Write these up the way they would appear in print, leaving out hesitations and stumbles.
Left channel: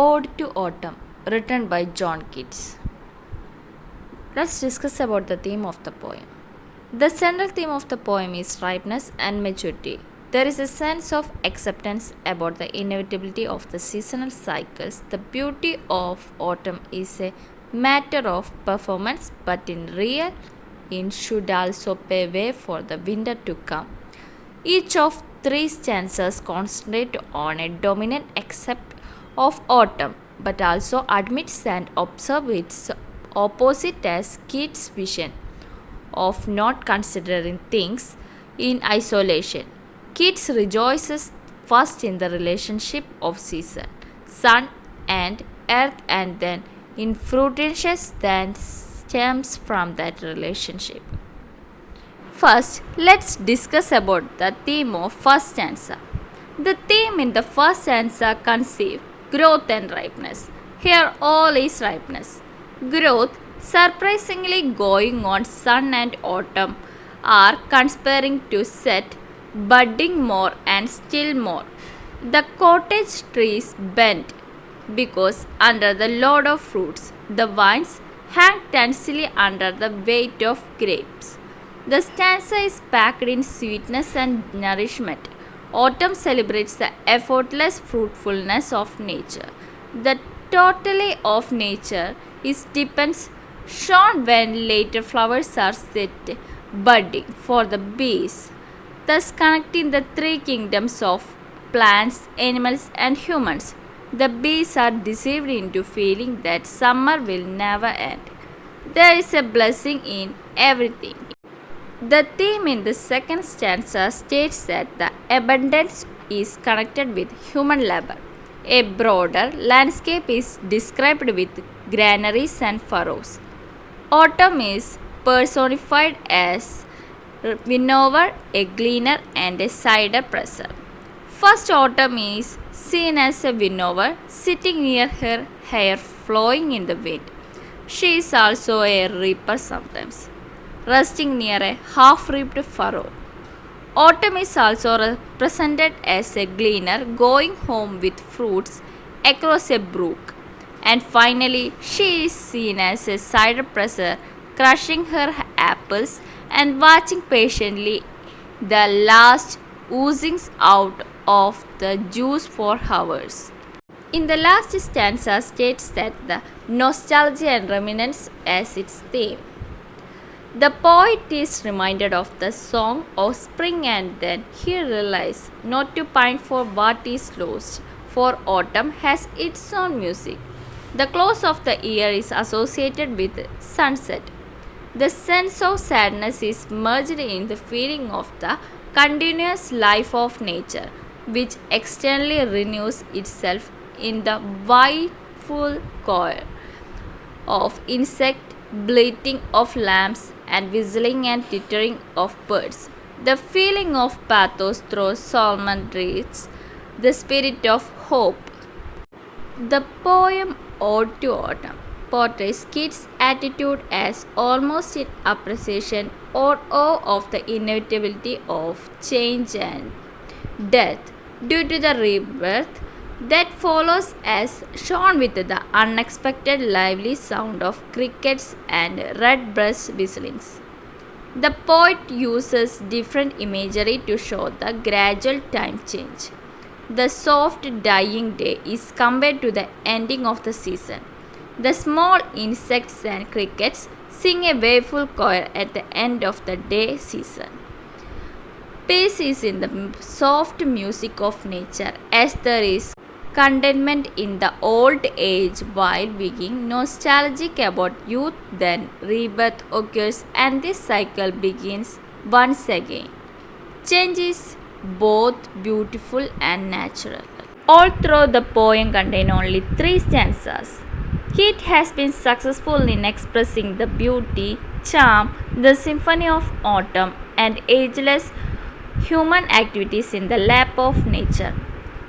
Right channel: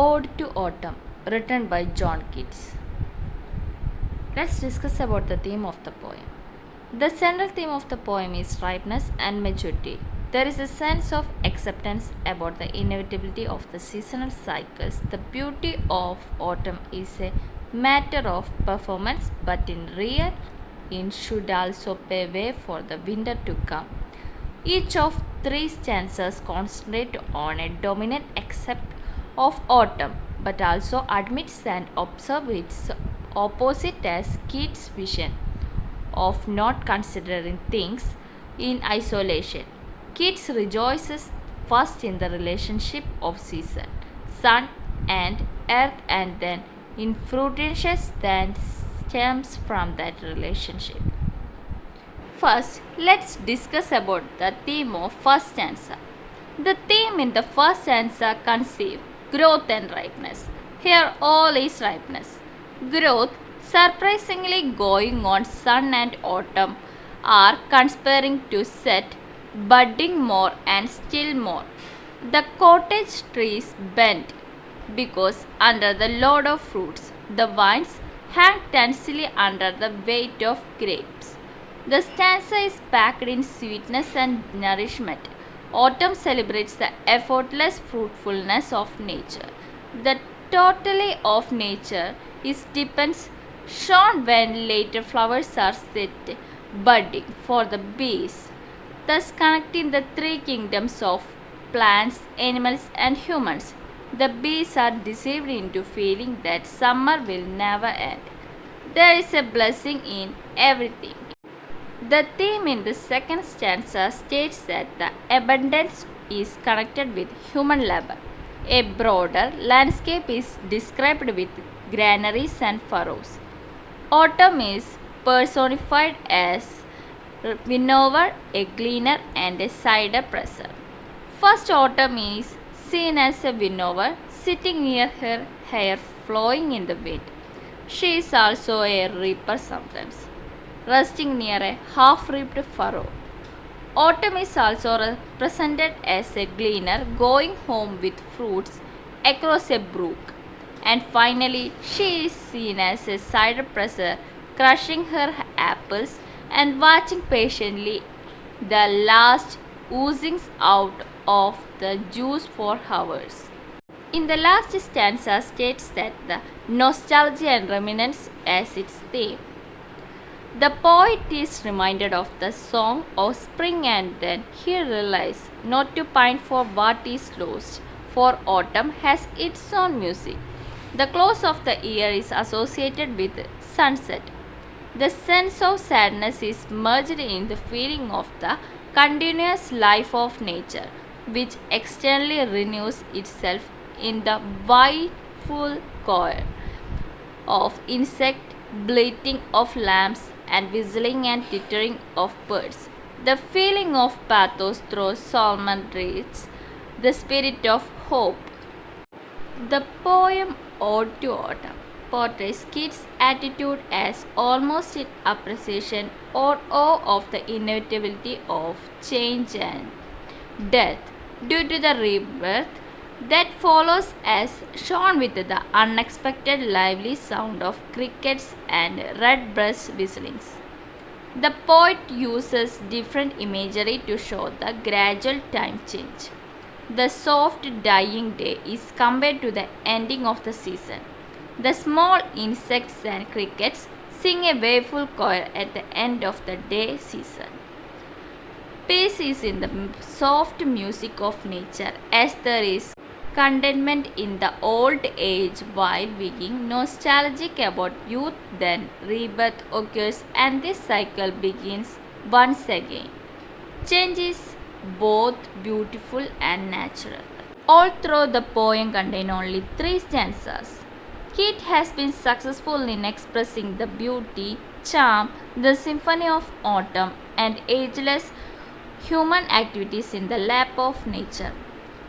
Ode to Autumn, written by John Keats. Let's discuss about the theme of the poem. The central theme of the poem is ripeness and maturity. There is a sense of acceptance about the inevitability of the seasonal cycles. The beauty of autumn is a matter of performance, but in real, it should also pave way for the winter to come. Each of three stanzas concentrate on a dominant aspect of autumn, but also admits and observes its opposite as Keats' vision of not considering things in isolation. Keats rejoices first in the relationship of season, sun and earth, and then in fruitiness that stems from that relationship. First, let's discuss about the theme of first stanza. The theme in the first stanza conceives growth and ripeness. Here all is ripeness. Growth, surprisingly going on sun and autumn, are conspiring to set budding more and still more. The cottage trees bend because under the load of fruits, the vines hang tensely under the weight of grapes. The stanza is packed in sweetness and nourishment. Autumn celebrates the effortless fruitfulness of nature. The totality of nature is depends shown when later flowers are set budding for the bees, thus connecting the three kingdoms of plants, animals, and humans. The bees are deceived into feeling that summer will never end. There is a blessing in everything. The theme in the second stanza states that the abundance is connected with human labor. A broader landscape is described with granaries and furrows. Autumn is personified as winnower, a gleaner, and a cider presser. First, autumn is seen as a winnower sitting near her hair flowing in the wind. She is also a reaper sometimes, resting near a half-reaped furrow. Autumn is also represented as a gleaner going home with fruits across a brook. And finally, she is seen as a cider presser crushing her apples and watching patiently the last oozings out of the juice for hours. In the last stanza states that the nostalgia and reminiscence as its theme. The poet is reminded of the song of spring, and then he realizes not to pine for what is lost, for autumn has its own music. The close of the year is associated with sunset. The sense of sadness is merged in the feeling of the continuous life of nature, which externally renews itself in the full choir of insect, bleating of lambs, and whistling and twittering of birds. The feeling of pathos through Solomon reads the spirit of hope. The poem Ode to Autumn portrays Keats' attitude as almost in appreciation or awe of the inevitability of change and death due to the rebirth that follows, as shown with the unexpected lively sound of crickets and redbreast whistlings. The poet uses different imagery to show the gradual time change. The soft dying day is compared to the ending of the season. The small insects and crickets sing a wailful choir at the end of the day season. Peace is in the soft music of nature, as there is contentment in the old age while being nostalgic about youth. Then rebirth occurs and this cycle begins once again. Change is both beautiful and natural. All through the poem contain only three stanzas. Keats has been successful in expressing the beauty, charm, the symphony of autumn, and ageless human activities in the lap of nature.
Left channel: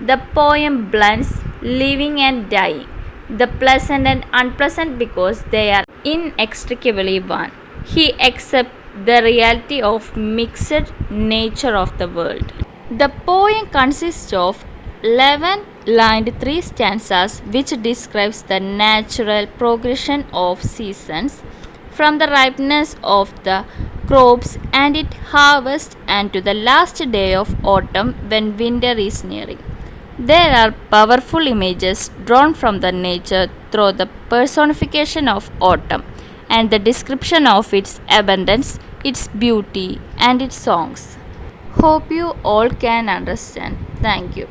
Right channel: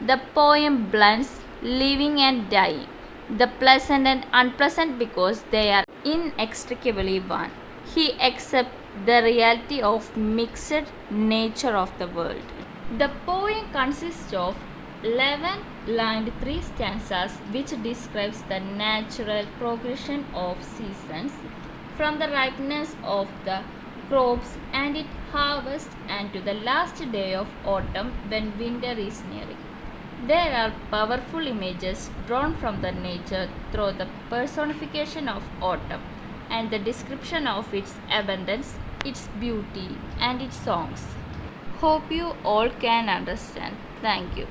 The poem blends living and dying, the pleasant and unpleasant because they are inextricably one. He accepts the reality of mixed nature of the world. The poem consists of 11 lined three stanzas which describes the natural progression of seasons from the ripeness of the crops and its harvest and to the last day of autumn when winter is nearing. There are powerful images drawn from the nature through the personification of autumn and the description of its abundance, its beauty, and its songs. Hope you all can understand. Thank you.